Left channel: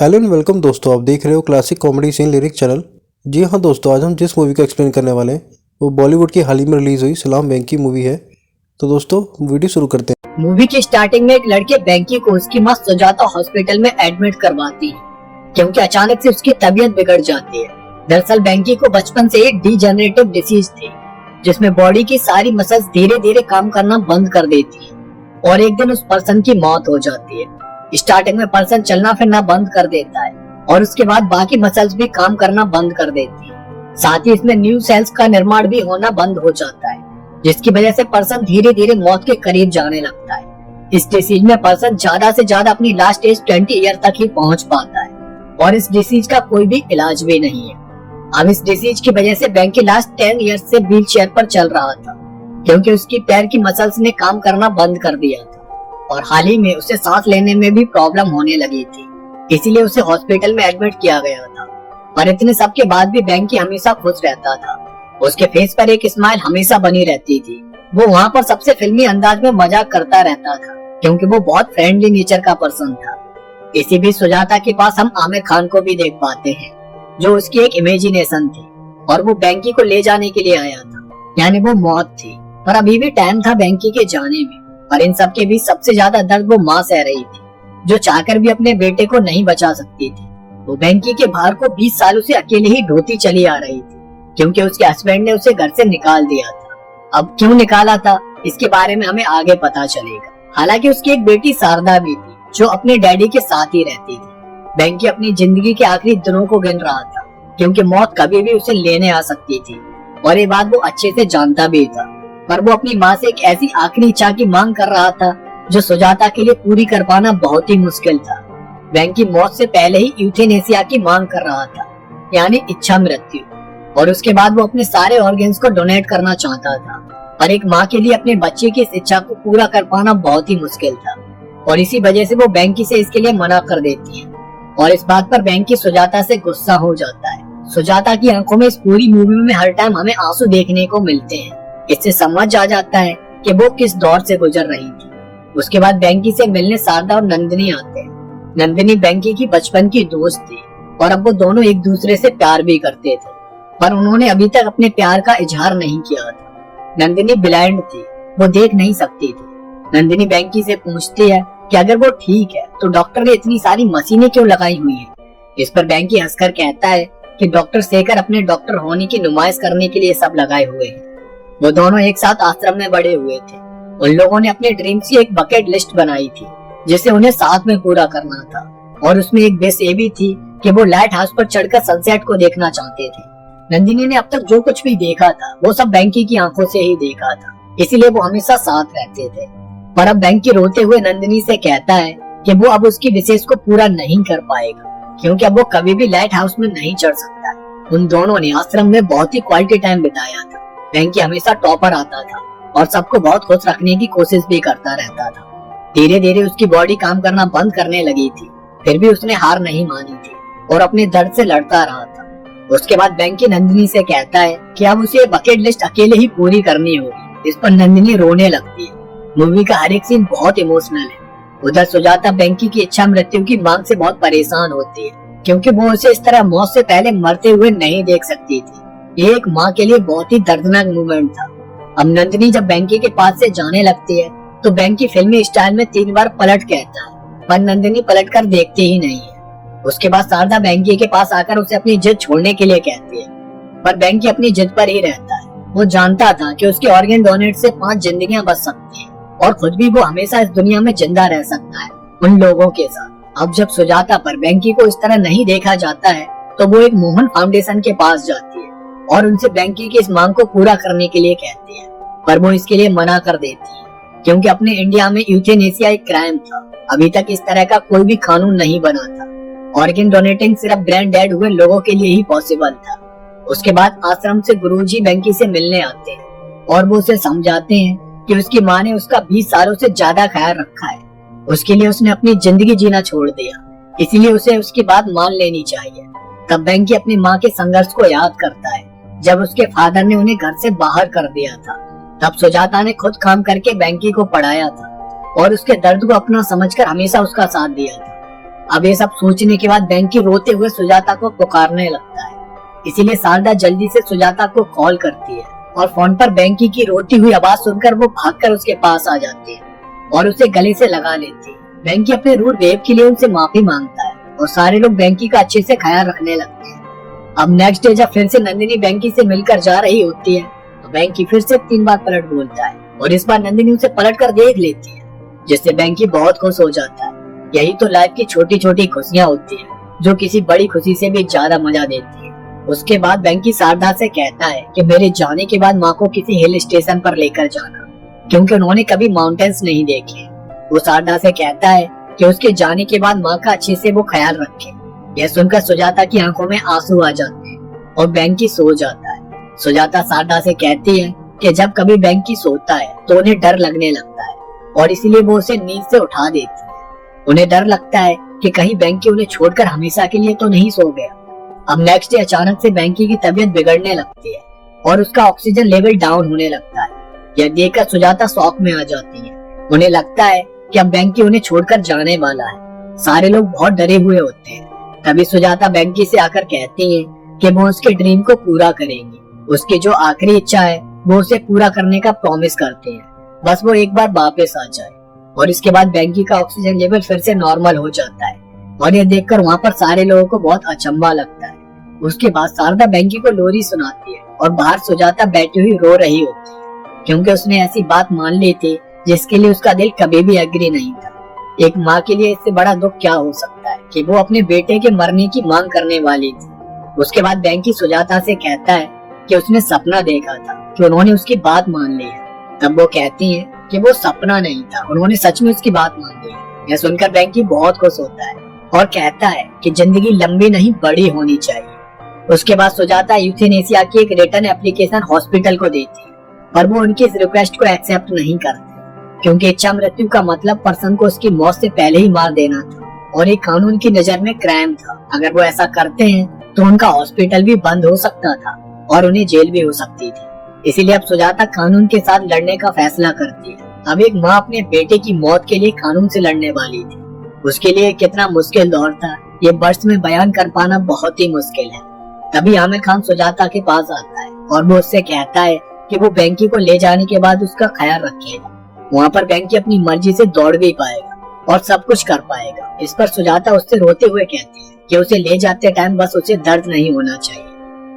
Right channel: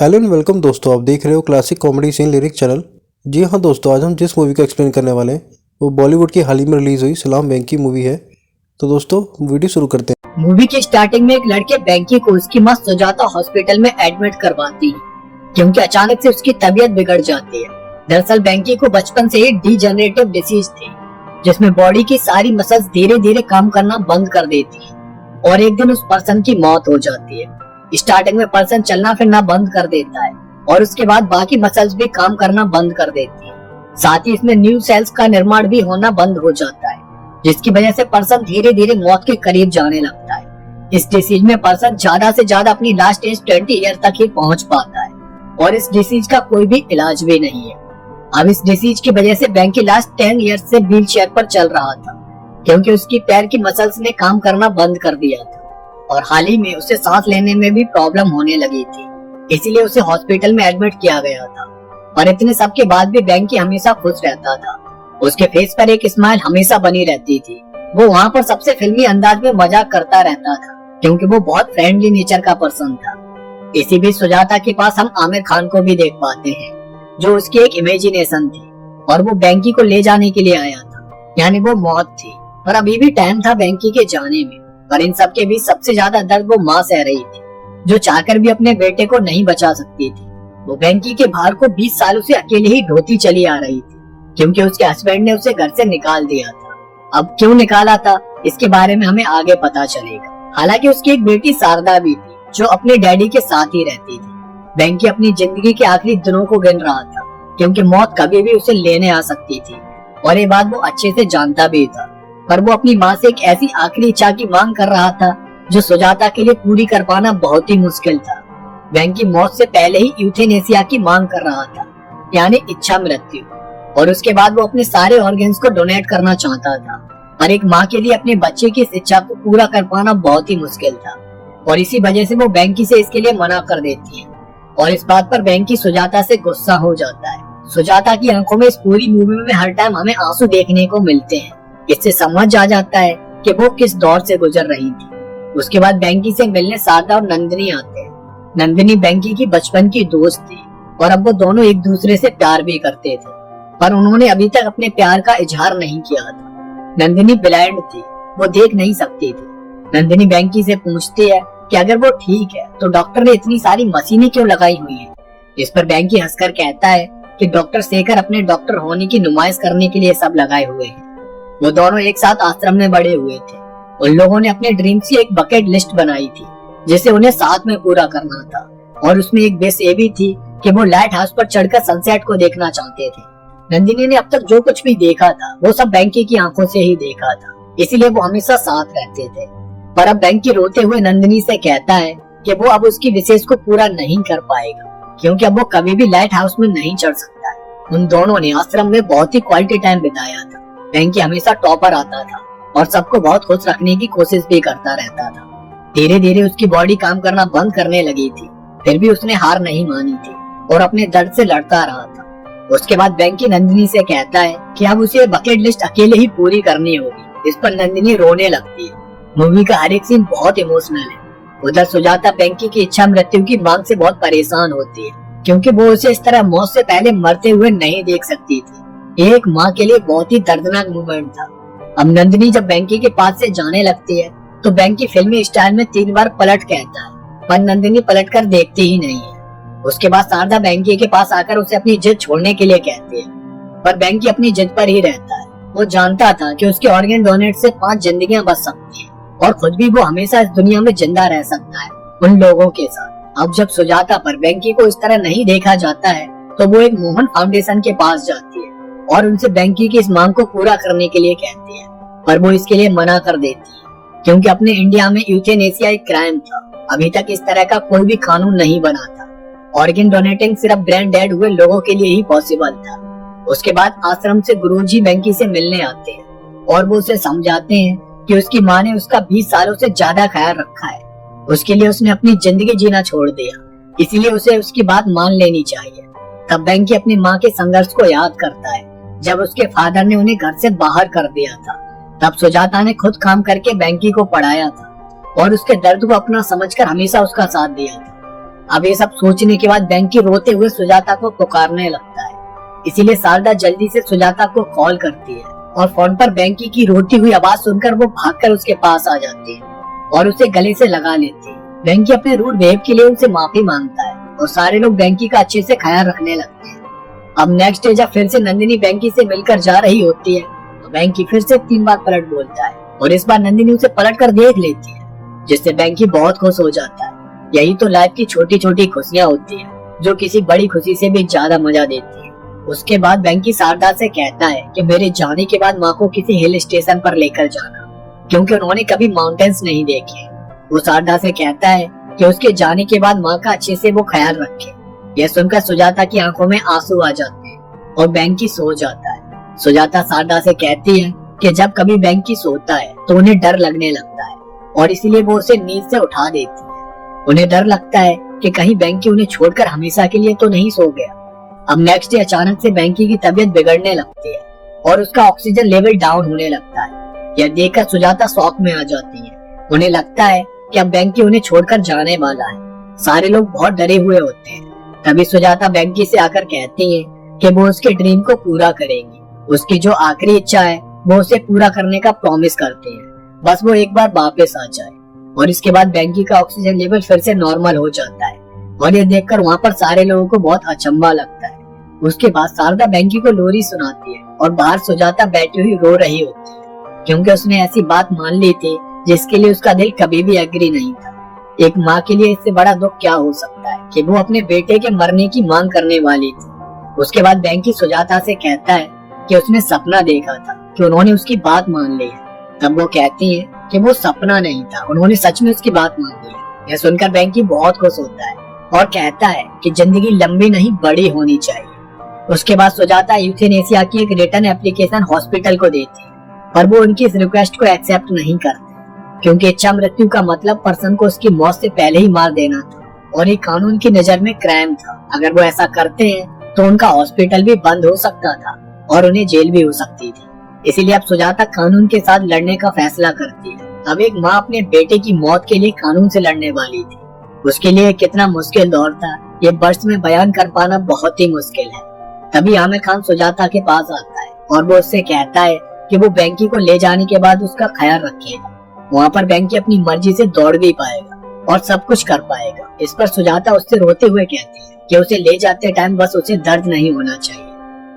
Hello and welcome दोस्तों, आप देख रहे हो classic comedy scene lyric channel. जी हाँ दोस्तों, आज हम जिस मूवी का एक्सप्लेन करने वाले हैं वो बॉलीवुड की हाल ही में रिलीज हुई सलाम वेंकी मूवी है। तो दोस्तों वीडियो शुरू करते हैं। मूवी की स्टार्टिंग में एक लड़के वेंकी को उसकी मां सुजाता हॉस्पिटल में एडमिट करवाती है क्योंकि अचानक से उसकी तबीयत बिगड़ जाती है। दरअसल वेंकी को बचपन से ही डीजेनरेटिव डिसीज थी जिसमें बॉडी की सारी मसल्स धीरे धीरे काम करना बंद कर देती है और एक दिन उस पर्सन की मौत हो जाती है। स्टार्टिंग में पर्सन चलना फिरना बंद कर देता है और उसके बाद बाकी मसल्स भी काम करना बंद कर देती है। साथ ही इसमें न्यू सेल्स का निर्माण भी होना बंद हो जाता है जिसकी वजह से पर्सन धीरे धीरे मौत के करीब जाने लगता है। इस डिसीज में पर्सन ज्यादा से ज्यादा अपनी लास्ट एज 20 ईयर तक ही पहुंच पाता है और इस डिसीज का कोई भी इलाज भी नहीं है। अब इस डिसीज की वजह से वेंकी लास्ट 10 ईयर से व्हील चेयर पर चल रहा था क्योंकि उसकी पैर की मसल्स ने काम करना बंद कर दिया था और हाल ही में उसे सांस लेने में भी प्रॉब्लम होने लगी थी, इसीलिए उसे हॉस्पिटल में एडमिट किया गया था। पर इतने सब के बाद भी वेंकी हमेशा खुश रहता था। उसके फेस पर एक स्माइल हमेशा बनी रहती थी। वो वहाँ पर सबसे फिल्मी अंदाज में मजाक करता रहता था क्योंकि वो बहुत फ्रेंडली नेचर का पर्सन था। इसी बीच सुजाता के पास हम आमिर खान को भी देख पाते हैं जो उसकी एक इमेजिनेशन थी और वो वेंकी को ले जाने के लिए आया था, यानी वो मौत थी। पर अभी भी टाइम था वेंकी के जाने में। पर इन सब के बीच सबसे ज्यादा दर्द वो माँ सह रही थी जो चाहकर भी अपने बेटे को नहीं बचा सकती थी। वो वेंकी के भार को 20 सालों से अकेले ही ढोती चली आ रही थी क्योंकि उसके हस्बैंड ने उसे घर से निकाल दिया था। अब क्यों निकाला था इसके बारे में हमें आगे पता चलेगा। हालांकि उसकी एक बेटी शारदा भी थी जो अपने डैडी के साथ ही रहती थी। वेंकी अपनी जिंदगी के आखिरी दिनों को गिन रहा था क्योंकि मौत कभी भी उसे लेने आ सकती थी और ये बात वो अच्छे से जानता भी था। पर वो अपनी माँ से एक ऐसी आखिरी इच्छा की मांग कर रहा था जो सुजाता के लिए पूरी कर पाना बहुत ही मुश्किल था। वेंकी मौत से पहले ही यूथेनेसिया की मांग कर रहा था, यानी इच्छा मृत्यु, और उसके बाद वो अपने सारे ऑर्गन्स को डोनेट करना चाहता था। पर एक माँ के लिए अपने बच्चे की इस इच्छा को पूरा कर पाना बहुत ही मुश्किल था और इसी वजह से वो वेंकी से इसके लिए मना कर देती है और इस बात पर वेंकी सुजाता से गुस्सा हो जाता है। सुजाता की आंखों में इस पूरी मूवी में हर टाइम हमें आंसू देखने को मिलते हैं। इससे समझ आ जाता है कि वो किस दौर से गुजर रही थी। उसके बाद वेंकी से मिलने शारदा और नंदिनी आते हैं। नंदिनी वेंकी की बचपन की दोस्त थी और अब वो दोनों एक दूसरे से प्यार भी करते थे, पर उन्होंने अभी तक अपने प्यार का इजहार नहीं किया था। नंदिनी ब्लाइंड थी, वो देख नहीं सकती थी। नंदिनी वेंकी से पूछती है कि अगर वो ठीक है तो डॉक्टर ने इतनी सारी मशीनें क्यों लगाई हुई है। इस पर वेंकी हंसकर कहता है कि डॉक्टर शेखर अपने डॉक्टर होने की नुमाइश करने के लिए सब लगाए हुए हैं। वो दोनों एक साथ आश्रम में बड़े हुए थे। उन लोगों ने अपने ड्रीम्स की एक बकेट लिस्ट बनाई थी जिसे उन्हें साथ में पूरा करना था और उसमें एक बेस ये भी थी कि वो लाइट हाउस पर चढ़कर सनसेट को देखना चाहते थे। नंदिनी ने अब तक जो कुछ भी देखा था वो सब वेंकी की आंखों से ही देखा था, इसीलिए वो हमेशा साथ रहते थे। पर अब वेंकी रोते हुए नंदिनी से कहता है कि वो अब उसकी विशेष को पूरा नहीं कर पाएगा क्योंकि अब वो कभी भी लाइट हाउस में नहीं चढ़ सकता। उन दोनों ने आश्रम में बहुत ही क्वालिटी टाइम बिताया था। वेंकी हमेशा टॉपर आता था और सबको बहुत खुश रखने की कोशिश भी करता रहता था। धीरे धीरे उसकी बॉडी काम करना बंद करने लगी थी, फिर भी उसने हार नहीं मानी थी और अपने दर्द से लड़ता रहा था। उसके बाद वेंकी नंदिनी से कहता है कि अब उसे बकेट लिस्ट अकेले ही पूरी करनी होगी। इस पर नंदिनी रोने लगती है। मूवी का हर एक सीन बहुत इमोशनल है। उधर सुजाता वेंकी की इच्छा मृत्यु की मांग से बहुत परेशान होती है क्योंकि वो उसे इस तरह मौत से पहले मरते हुए नहीं देख सकती थी। ये एक माँ के लिए बहुत ही दर्दनाक मोमेंट था। अब नंदिनी जब वेंकी के पास से जाने लगती है तो वेंकी फिल्मी स्टाइल में 3 बार पलट कहता है, पर नंदिनी पलटकर देखती ही नहीं है। उसके बाद शारदा वेंकी के पास आकर उसे अपनी जिद छोड़ने के लिए कहती है, पर वेंकी अपनी जिद पर ही रहता है। वो जानता था कि उसके ऑर्गन डोनेट से 5 जिंदगियां बच सकती हैं और खुद भी वो हमेशा इस दुनिया में जिंदा रह सकता है उन लोगों के साथ। अब जब सुजाता पर वेंकी को इस तरह नहीं देखा जाता है तो वो एक मोहन फाउंडेशन के पास जाती है और उनसे वेंकी की इस मांग को पूरा करने के लिए कहती है, पर वो इसके लिए मना कर देती है क्योंकि अपने इंडिया में यूथेनेसिया एक क्राइम था। अभी तक इस तरह का कोई भी कानून नहीं बना था। ऑर्गन डोनेटिंग सिर्फ ब्रेन डेड हुए लोगों के लिए ही पॉसिबल था। उसके बाद आश्रम से गुरुजी वेंकी से मिलने आते हैं और वो उसे समझाते हैं कि उसकी माँ ने उसका 20 सालों से ज्यादा ख्याल रखा है। उसके लिए उसने अपनी जिंदगी जीना छोड़ दिया, इसीलिए उसे उसकी बात मान लेनी चाहिए। तब वेंकी अपनी माँ के संघर्ष को याद करता है जब उसके फादर ने उन्हें घर से बाहर कर दिया था। तब सुजाता ने खुद काम करके वेंकी को पढ़ाया था और उसके दर्द को अपना समझकर हमेशा उसका साथ दिया था। अब ये सब सोचने के बाद बैंकी रोते हुए सुजाता को पुकारने लगता है। इसीलिए शारदा जल्दी से सुजाता को कॉल करती है और फोन पर बैंकी की रोती हुई आवाज सुनकर वो भागकर उसके पास आ जाती है और उसे गले से लगा लेती है। बैंकी अपने रूड बिहेव के लिए उनसे माफी मांगता है और सारे लोग बैंकी का अच्छे से ख्याल रखने लगते हैं। अब नेक्स्ट डे जब फिर से नंदिनी बैंकी से मिलकर जा रही होती है तो बैंकी फिर से 3 बार पलट बोलता है और इस बार नंदिनी उसे पलट कर देख लेती है, जिससे बैंकी बहुत खुश हो जाता है। यही तो लाइफ की छोटी छोटी खुशियाँ होती है जो किसी बड़ी खुशी से भी ज्यादा मजा देती है। उसके बाद बैंकी शारदा से कहता है कि मेरे जाने के बाद माँ को किसी हिल स्टेशन पर लेकर जाना, क्योंकि उन्होंने कभी माउंटेन्स नहीं देखे। वो शारदा से कहता है कि उसके जाने के बाद माँ का अच्छे से वो ख्याल रखे। यह सुनकर सुजाता की आंखों में आंसू आ जाते हैं और बैंकी सो जाता है। सुजाता शारदा से कहती है कि जब कभी बैंकी सोता है तो उन्हें डर लगने लगता है और इसीलिए वो उसे नींद से उठा देती है। उन्हें डर लगता है कि कहीं बैंकी उन्हें छोड़कर हमेशा के लिए तो नहीं सो गया। अब नेक्स्ट डे अचानक से बैंकी की तबीयत बिगड़ने लगती है और उसका ऑक्सीजन लेवल डाउन होने लगता है। यह देखकर सुजाता शॉक में आ जाती है। उन्हें लगता है कि अब बैंकी उन्हें छोड़कर जाने वाला है। सारे लोग बहुत डरे हुए होते हैं। तभी सुजाता बैंकी से आकर कहती है कि वो उसके ड्रीम को पूरा करेंगी। उसकी जो आखिरी इच्छा है वो उसे पूरा करने का प्रॉमिस करती है, बस वो एक बार वापस आ जाए। और इसके बाद बैंकी का ऑक्सीजन लेवल फिर से नॉर्मल हो जाता है और ये देखकर वहाँ पर सारे लोगों को बहुत अचंभा लगता है। उसके बाद शारदा बैंकी को लोरी सुनाती है और बाहर सुजाता बैठी हुई रो रही होती है, क्योंकि उसने ऐसी बात मान ली थी जिसके लिए उसका दिल कभी भी एग्री नहीं था। एक माँ के लिए इससे बड़ा दुख क्या हो सकता है कि वो अपने बेटे के मरने की मांग करने वाली थी। उसके बाद बैंकी सुजाता से कहता है कि उसने सपना देखा था कि उन्होंने उसकी बात मान ली है। तब वो कहती है कि वो सपना नहीं था, उन्होंने सच में उसकी बात मान ली है। यह सुनकर बैंकी बहुत खुश होता है और कहता है कि जिंदगी लंबी नहीं बड़ी होनी चाहिए। उसके बाद सुजाता यूथेनेसिया की एक रिटर्न एप्लीकेशन हॉस्पिटल को देती है, पर वो उनकी इस रिक्वेस्ट को एक्सेप्ट नहीं करते, क्योंकि इच्छा मृत्यु का मतलब पर्सन को उसकी मौत से पहले ही मार देना था और ये कानून की नजर में क्राइम था। अगर वो ऐसा करते हैं तो उनका हॉस्पिटल भी बंद हो सकता था और उन्हें जेल भी हो सकती थी। इसीलिए अब सुजाता कानून के साथ लड़ने का फैसला करती है। अब एक माँ अपने बेटे की मौत के लिए कानून से लड़ने वाली थी। उसके लिए कितना मुश्किल दौर था ये वर्ड्स में बयान कर पाना बहुत ही मुश्किल है। तभी आमिर खान सुजाता के पास आता है और वो उससे कहता है कि वो बैंकी को ले जाने के बाद उसका ख्याल रखेगा। वहाँ पर बैंकी अपनी मर्जी से दौड़ भी पाएगा और सब कुछ कर पाएगा। इस पर सुजाता उससे रोते हुए कहती है कि उसे ले जाते टाइम बस उसे दर्द नहीं होना चाहिए।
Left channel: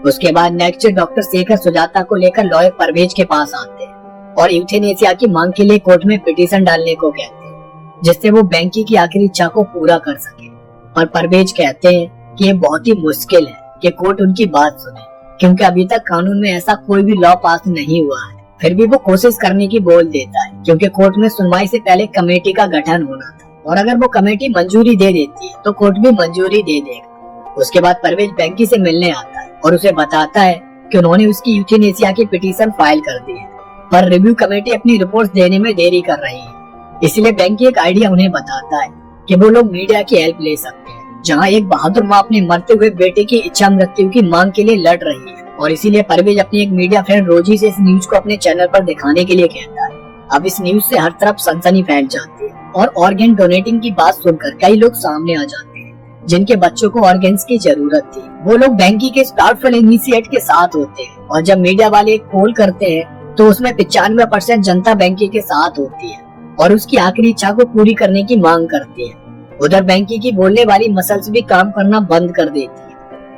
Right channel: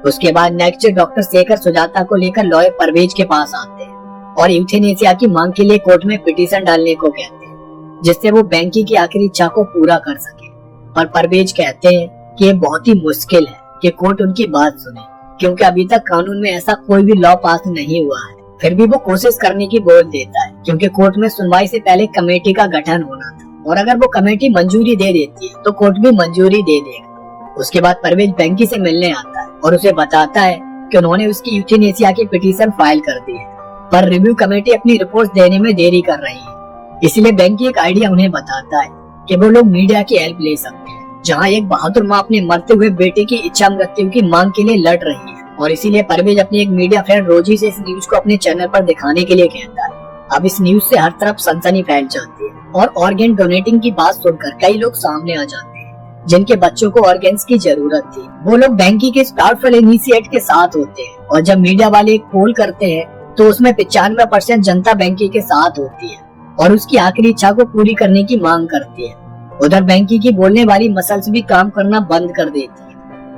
उसके बाद नेक्स्ट डॉक्टर शेखर सुजाता को लेकर लॉयर परवेज के पास आते हैं और यूथेनेसिया की मांग के लिए कोर्ट में पिटीशन डालने को कहते हैं, जिससे वो बैंकी की आखिरी इच्छा को पूरा कर सके। पर परवेज कहते हैं कि ये बहुत ही मुश्किल है कि कोर्ट उनकी बात सुने, क्योंकि अभी तक कानून में ऐसा कोई भी लॉ पास नहीं हुआ है। फिर भी वो कोशिश करने की बोल देता है, क्योंकि कोर्ट में सुनवाई से पहले कमेटी का गठन होना था और अगर वो कमेटी मंजूरी दे देती है तो कोर्ट भी मंजूरी दे देगा। उसके बाद परवेज बैंकी से मिलने आता है और उसे बताता है कि उन्होंने उसकी यूथेनेसिया की पिटीशन फाइल कर दी है, पर रिव्यू कमेटी अपनी रिपोर्ट देने में देरी कर रही है। इसलिए बैंकी एक आइडिया उन्हें बताता है कि वो लोग मीडिया की हेल्प ले सकते हैं, जहाँ एक बहादुर माँ अपने मरते हुए बेटे की इच्छा मृत्यु की मांग के लिए लड़ रही है। और इसीलिए परवेज अपनी एक मीडिया फ्रेंड रोजी से इस न्यूज को अपने चैनल पर दिखाने के लिए कहता है। अब इस न्यूज से हर तरफ सनसनी फैल जाती है और ऑर्गन डोनेटिंग की बात सुनकर कई लोग सामने आ जाते हैं जिनके बच्चों को ऑर्गन्स की जरूरत थी। वो लोग बैंकी के स्टार्टफुल इनिशिएट के साथ होते हैं और जब मीडिया वाले एक पोल करते हैं तो उसमें 95% जनता बैंकी के साथ होती है और उसकी आखिरी इच्छा को पूरी करने की मांग करती है। उधर बैंकी की बोलने वाली मसल्स भी काम करना बंद कर देती है।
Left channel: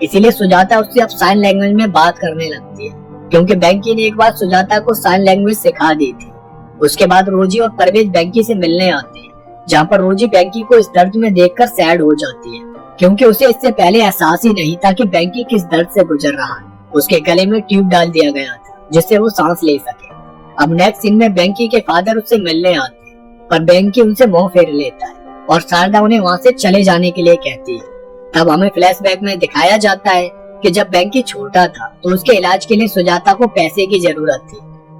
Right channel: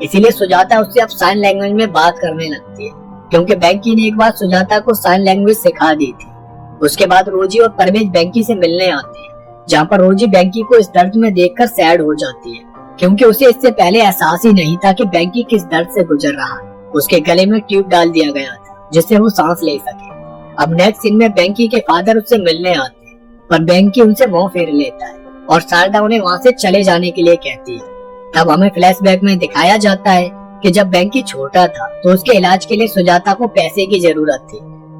इसीलिए सुजाता उससे अब साइन लैंग्वेज में बात करने लगती है, क्योंकि बैंकी ने एक बार सुजाता को साइन लैंग्वेज सिखा दी थी। उसके बाद रोजी और परवेज बैंकी से मिलने आते हैं, जहाँ पर रोजी बैंकी को इस दर्द में देखकर सैड हो जाती है, क्योंकि उसे इससे पहले एहसास ही नहीं था कि बैंकी किस दर्द से गुजर रहा है। उसके गले में ट्यूब डाल दिया गया था जिससे वो सांस ले सके। अब नेक्स्ट सीन में बैंकी के फादर उससे मिलने आते हैं, पर बैंकी उनसे मुंह फेर लेता है और शारदा उन्हें वहाँ से चले जाने के लिए कहती है। तब हमें फ्लैशबैक में दिखाया जाता है कि जब बैंकी छोटा था तो उसके इलाज के लिए सुजाता को पैसे की जरूरत थी,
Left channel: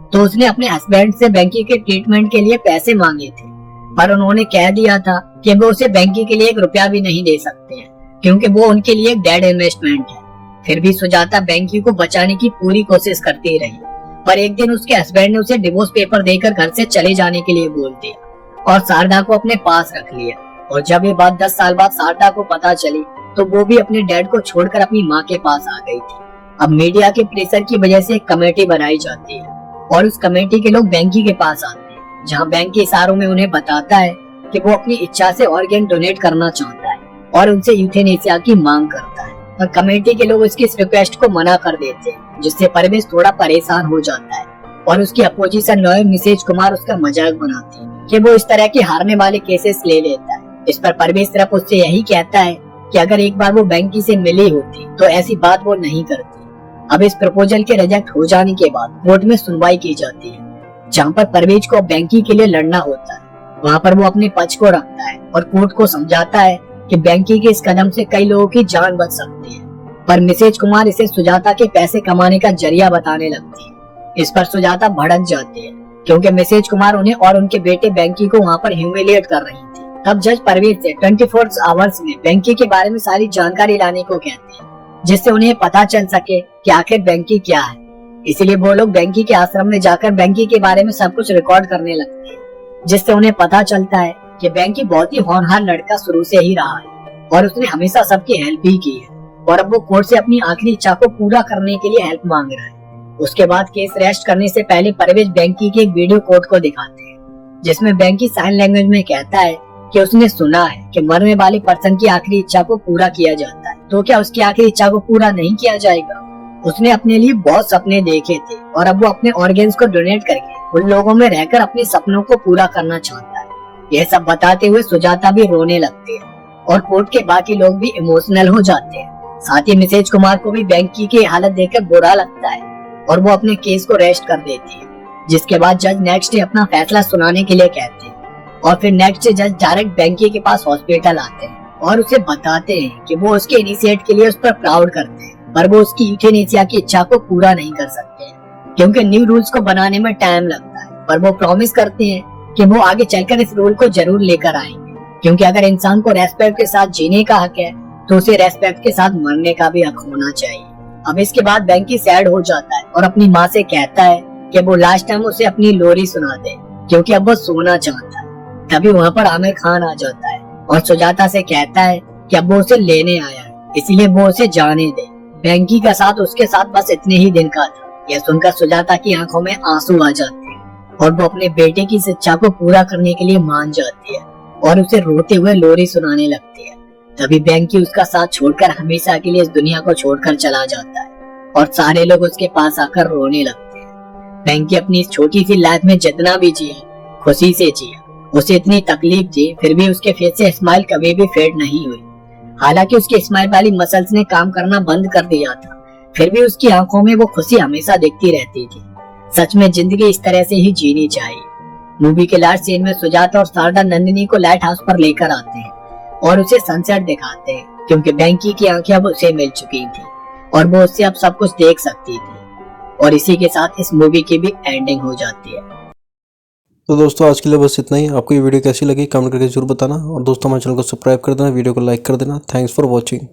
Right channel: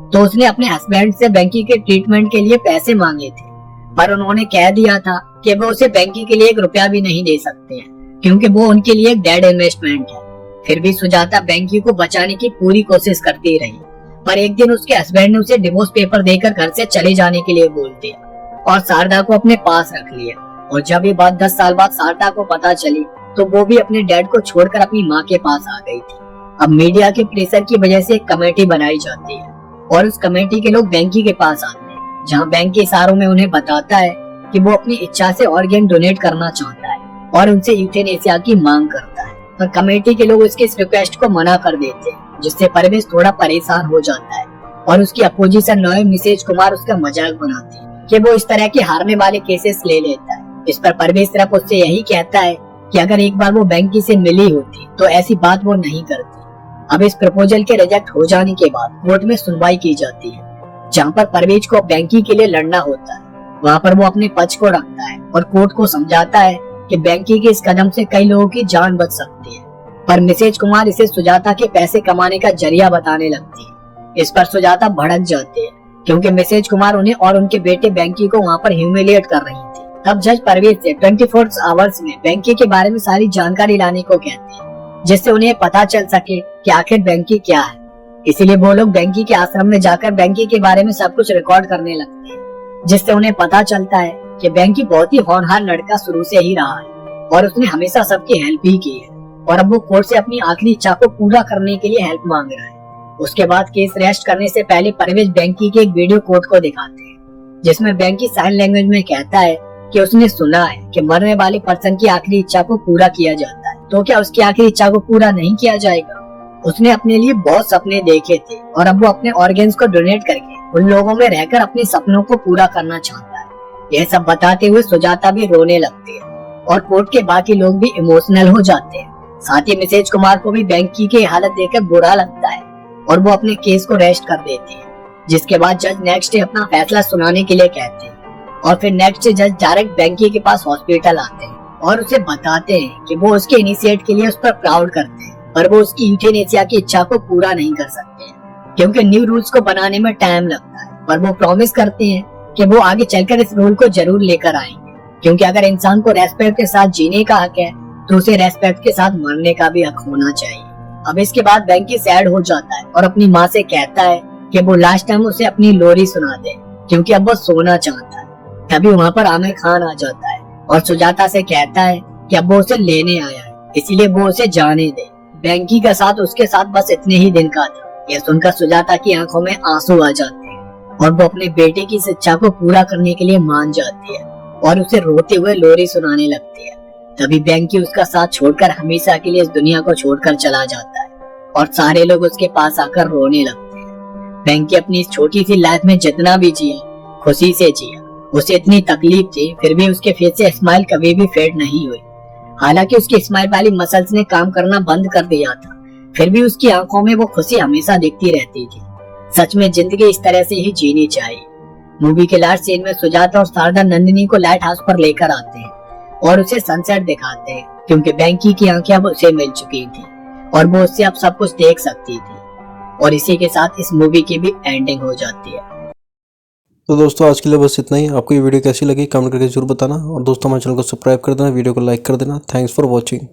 तो उसने अपने हस्बैंड से बैंकी के ट्रीटमेंट के लिए पैसे मांगे थे, पर उन्होंने कह दिया था कि वो उसे बैंकी के लिए 1 रुपया भी नहीं दे सकते हैं, क्योंकि वो उनके लिए एक डेड इन्वेस्टमेंट है। फिर भी सुजाता बैंकी को बचाने की पूरी कोशिश करती रही, पर एक दिन उसके हस्बैंड ने उसे डिवोर्स पेपर देकर घर से चले जाने के लिए बोल दिया और शारदा को अपने पास रख लिया। और जब ये बात 10 साल बाद शारदा को पता चली तो वो भी अपने डैड को छोड़कर अपनी माँ के पास आ गई थी। अब मीडिया के प्रेशर की वजह से एक कमेटी बनाई जाती है और उस कमेटी के लोग बैंकी के पास आते हैं, जहाँ बैंक के इशारों में उन्हें बताता है कि वो अपनी इच्छा से ऑर्गन डोनेट करना चाहता है और उनसे यूथेनेसिया की मांग करता है। पर कमेटी के लोग उसकी इस रिक्वेस्ट को मना कर देते हैं, जिससे परवेश थोड़ा परेशान हो जाता है और उसकी अपोजिशन लॉयर मिसेज कुमार उसका मजाक बनाती है कि वो इस तरह के हारने वाले केसेस ले लेता है। इस पर परवेश सिर्फ उससे यही कहता है कि अगर एक बार वो बैंकी से मिली होती तो ऐसी बात वो नहीं करती। अब इस प्रपोजल के रिजेक्ट हो जाने के बाद कोर्ट में सुनवाई की जाती है, जहाँ पर परवेज को बैंकी के लिए लड़ना होता है। वहाँ पर वो अपने पक्ष को रखता है और कोर्ट को समझाता है कि बैंकी के इस कदम से कई लोगों की जान बच सकती है। पर मिसेज कुमार इसे सुजाता के पैसे कमाने का जरिया बताने लगती है। इस पर सुजाता भड़क जाते हैं क्योंकि मिसेज कुमार उन्हें और उनके बेटे बैंकी को वहाँ पर ह्यूमिलिएट कर रही थी। तब जज परवेज से 24 आवर्स में बैंकी के बारे में सारी जानकारी लाने को कहते हैं, जिससे उन्हें पता चल सके कि आखिर बैंकी क्या है। इसीलिए वो लोग बैंकी के आश्रम में जाकर बैंकी के बारे में सब कुछ रिकॉर्ड करने लगते हैं, जिससे उन्हें पता चलता है कि बैंकी बहुत ही होनहार लड़का शुरू से ही रहा है और उसने हमेशा सबकी हेल्प भी की है और अब वो कोर्ट से अपनी आखिरी इच्छा को पूरा करने के लिए हेल्प मांग रहा है। उसके बाद केस रेस्ट करने से पहले परवेज बैंकी के एक वीडियो कोर्ट को दिखाते हैं, जिसमें बैंकी साइन लैंग्वेज में कहता है कि उसने सुना है कि मरने वाले पर्सन की आखिरी इच्छा को पूरा किया जाता है, तो क्या उसकी आखिरी इच्छा को पूरा नहीं किया जाएगा? उसने अपने लिए बहुत सपने देखे थे और अब वो अपने ऑर्गन्स को डोनेट करके उन लोगों में रहकर अपने सपनों को पूरा करना चाहता है। यह सब बताते हुए सुजाता भी रोने लगते हैं और कोर्ट के बाकी लोग भी इमोशनल हो जाते हैं। साथ ही मिसेज कुमार को भी बैंकी की हालत देखकर बुरा लगता है और वो अपने केस को रेस्ट कर देती है, जिसके बाद जज नेक्स्ट डे अपना फैसला सुनाने के लिए कहते हैं और फिर नेक्स्ट जज डायरेक्ट बैंकी के पास हॉस्पिटल आते हैं और उसे बताते हैं कि वो उसके इनिशिएट के लिए उस पर प्राउड करते हैं, पर वो उसकी यूथेनेसिया की इच्छा को पूरा नहीं कर सकते क्योंकि न्यू रूल्स को बनाने में टाइम लगता है। पर वो प्रॉमिस करते हैं कि वो आगे चलकर इस रूल को जरूर लेकर आएंगे, क्योंकि अगर इंसान को रेस्पेक्ट के साथ जीने का हक है तो उसे रेस्पेक्ट के साथ मरने का भी हक होना चाहिए। अब इसके बाद बैंकी सैड हो जाता है और अपनी माँ से कहता है कि वो लास्ट टाइम उसे अपनी लोरी सुना दे, क्योंकि अब वो सोना चाहता है। तभी वहाँ पर आमिर खान आ जाता है और सुजाता से कहता है कि अब वो उसे लेने आया है, इसीलिए वो उसे जाने दे। बैंकी का साथ उसके साथ बस इतने ही दिन का था। यह सुनकर सुजाता की आंखों में आंसू आ जाते हैं और वो अपने बेटे की इच्छा को पूरा करने के लिए मान जाती है और उसे रोते हुए लोरी सुनाने लगती है। तभी बैंकी उसका साथ छोड़कर हमेशा के लिए इस दुनिया को छोड़कर चला जाता है और सारे लोग उसके पास आकर रोने लगते हैं। बैंकी अपनी इस छोटी सी लाइफ में जितना भी जिया, खुशी से जिया। उसे इतनी तकलीफ थी, फिर भी उसके फेस से स्माइल कभी भी फेड नहीं हुई। हालांकि उसकी स्माइल वाली मसल्स ने काम करना बंद कर दिया था, फिर भी उसकी आंखों में वो खुशी हमेशा दिखती रहती थी। सच में जिंदगी इस तरह से ही जीनी चाहिए। मूवी के लास्ट सीन में सुजाता और शारदा नंदिनी को लाइट हाउस पर लेकर आते हैं और उसे सनसेट दिखाते हैं, क्योंकि बैंकी की आंखें अब उसे मिल चुकी थी और वो उससे अब सब कुछ देख सकती थी। और इसी के साथ इस मूवी की भी एंडिंग हो जाती है। तो दोस्तों आज के लिए बस इतना ही। आपको ये वीडियो कैसी लगी कमेंट करके जरूर बताना और दोस्तों हमारे चैनल को सब्सक्राइब कर देना, वीडियो को लाइक कर देना। Thanks for watching.